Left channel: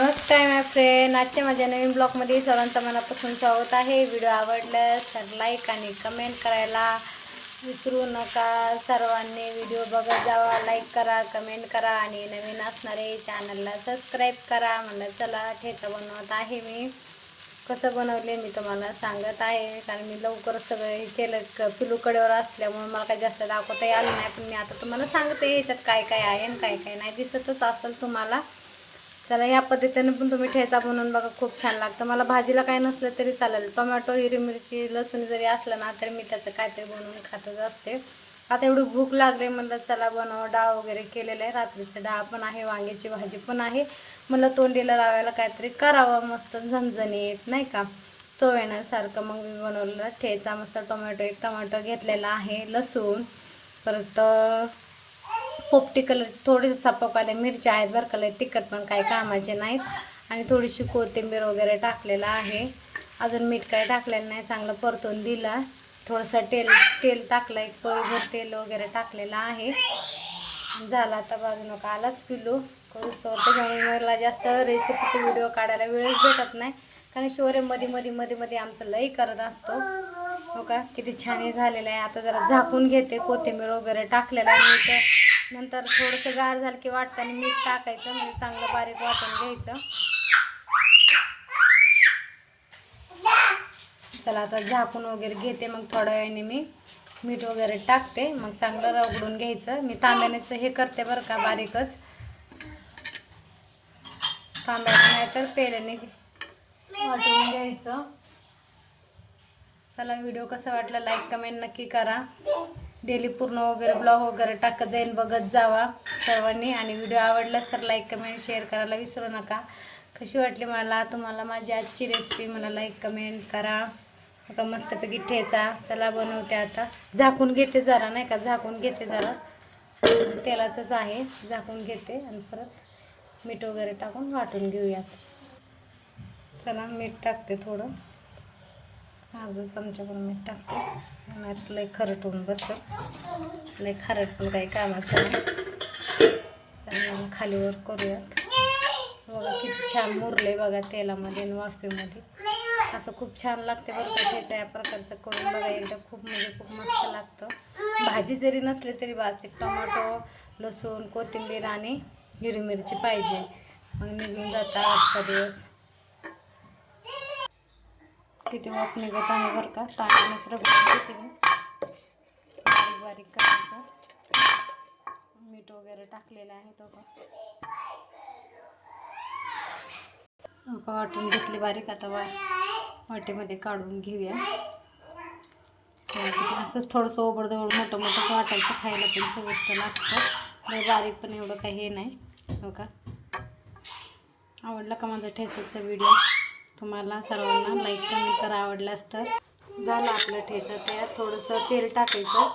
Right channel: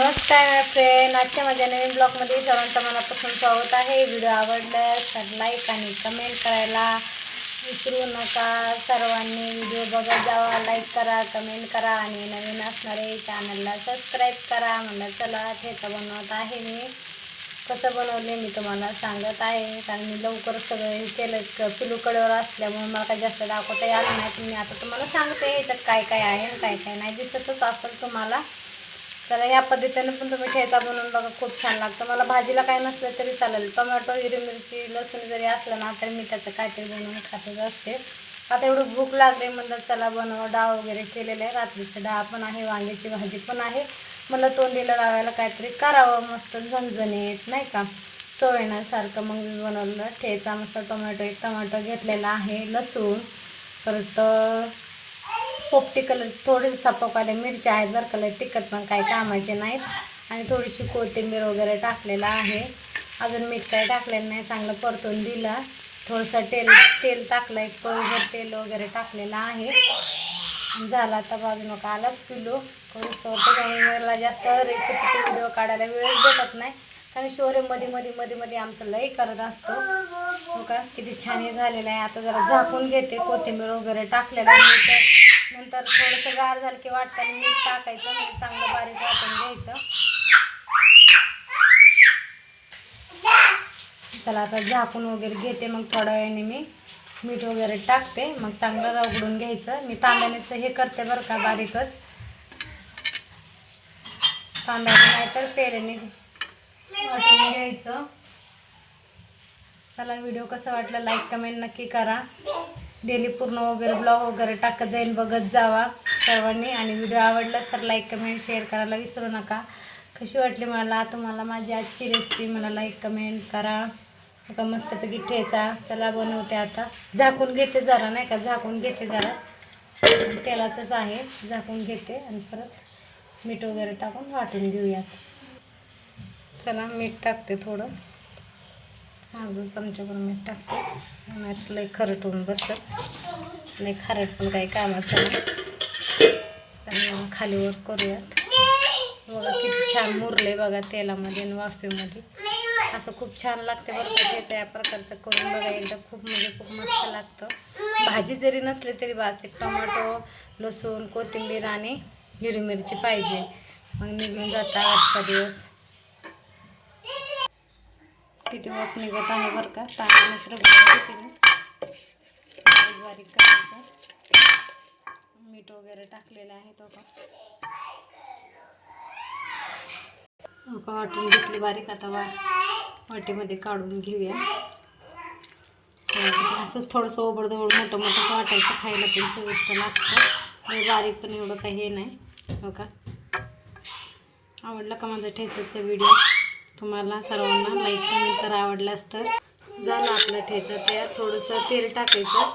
नमस्कार माय फ्रेंड, आजच्या माझ्या नवीन ब्लॉगमध्ये सर्वांचं मनापासून स्वागत आहे. व्हिडिओ आवडल्यास तर लाईक आणि कमेंट करायला विसरू नका. सर्वांनी व्हिडिओ बघत जावा, लाईक करा, कमेंट करा आणि नवीन असणारे चॅनलला सबस्क्राईब करा. म्हणलं चला ठेचा बनवत आहे. मी कसं बनवले मी तुम्हाला सांगत आहे, कारण मी लवकर सगळं हे केलं. पिलू कडेवर असल्यामुळे मला काही जास्त दाखवता आलं नाही, पण मी आता तुम्हाला सांगते ह्याच्यात काय काय आहे आणि काय काय नाही. दिसतच असेल तुम्हाला. तर ह्या पद्धतीने पण तुम्ही ठेचा बनवून बघा, खूप छान लागतं. मला भाजीला काय नसलं तरी चालेल, टोमॅटो, हिरवी मिरची, लसूण जरी असलं ना तर मी त्याचं काहीतरी बनवून खातच असते. आता एवढं भूक लागले म्हणलं चला बनवा. डाळ वगैरे केलेलं आहे, रात्रीचं डाळ पण आहे, वांग्याची भाजी पण आहे. मला तोंडीला लावायला काहीतरी करावं मस्त झणझणीत, नाही का, चव येण्यासारखं. मग मी बनवलं ठेचा. मस्त एक टोमॅटो घेतलेला आहे, लसूण, परत पोपटी कलरची थोडीशी सपकाले मिरच्या आहेत बरं का, तिखट पण काही कामाचे नाहीत. आणि थोडीशी कोथिंबीर वगैरे टाकलेला आहे. अजून मीठ काही टाकलेलं नाही. चांगलं परतून दिलं. थोडंसं तेल टाकलं, एक पळीभर तेल वगैरे टाकलेलं आहे. झाला आता बाजू नका आलाच पिलू करूच. त्याच्यामुळे मला जास्त रेसिपीचे व्हिडिओ काढायला वेळच भेटत नाही, कारण शोरे मध्ये आमचं लई करत असतो. हो का, किती छान हे झालेलं आहे. आता जरा झाकून घेते. कोथिंबीर वगैरे टाकलेलं आहे. नंतर थोडंसं गार झालं की वाटताना मीठ टाकायचं, म्हणजे चांगलं बारीक वाटून घ्यायचं. चला आता झाकून वगैरे घेते. मग थोड्या वेळाने मी मीठ वगैरे टाकते. मग चांगलं रगडून घ्यायचं. मी तांब्यानेच हे करते बरं का, बारीकच. तांब्याने नाही तर पेल्याने वाटून घ्यायचं. चला, व्हिडिओ कसा वाटला लाईक कमेंट नक्की करा. डेली पूर्ण वगैरे ब्लॉग वगैरे टाकत जाईल, बघत जावा सर्वांनी. आणि व्हिडिओ आवडलास तर लाईक कमेंट शेअर करायला विसरू नका. कशी वाटली मला तुम्हाला माझी आजची रेसिपी, मला लाईक कमेंट करा. बघा मस्तपैकी ठेचा. चला बनवते आता. झाकून घेते जरा, नाही का, झाकून घेते जरा. तेलाचंच आहे, झाकून घेते आणि परत मीठ वगैरे टाकून वाटून घेऊयात. चला मीठ टाकते थोडं, अर्धा चमचाभर मीठ टाकते. नाही लई खरट होऊन बसत, लई खारट पण काही कामाचं नाही. तर खालीवर करूयात. बघा किती छान मुरले बघा तेलामध्ये आणि वाफेमध्ये. असं खूप छान लागते बरं का ठेचा. या प्रकारचं करून बघा एकदा, खूप म्हणजे खूप मस्त लागतं. भाजी जरी नसली तरी बास, एक टोमॅटो, लसूण, कोथिंबीर आणि हिरवी मिरची पाहिजे, मग निघून जाता आजचा दिवस. किती वाफ निघत आहे बरं का. टाकण्यास रगडून घेते मी, बारीक करायचं. मीठ वगैरे टाकलेलं आहे तो का वाटून घेतली बारीक. आता वाटीमध्ये काढून घेऊया. असंच थोडंसं ओबडधोबड मोठं वाटायचं, खायला पण चविष्ट लागतं. बारीक पण एवढं काही हे नाही. हो का, आवडला का माझा ठेचाचा व्हिडिओ तुम्हाला सर्वांना लाईक कमेंट करा. आवडलास तर. झालं आपलं ठेचा तयार. थोडंसं तेल टाकायचं,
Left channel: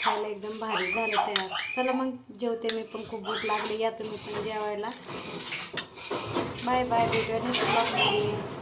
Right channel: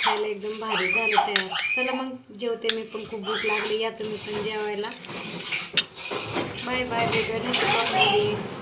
खायला एकदम भारी झालं तयार. चला मग जेवते मी पण, खूप भूक लागली. या तुम्ही पण जेवायला. Bye bye. भेटूया नेक्स्ट ब्लॉगमध्ये.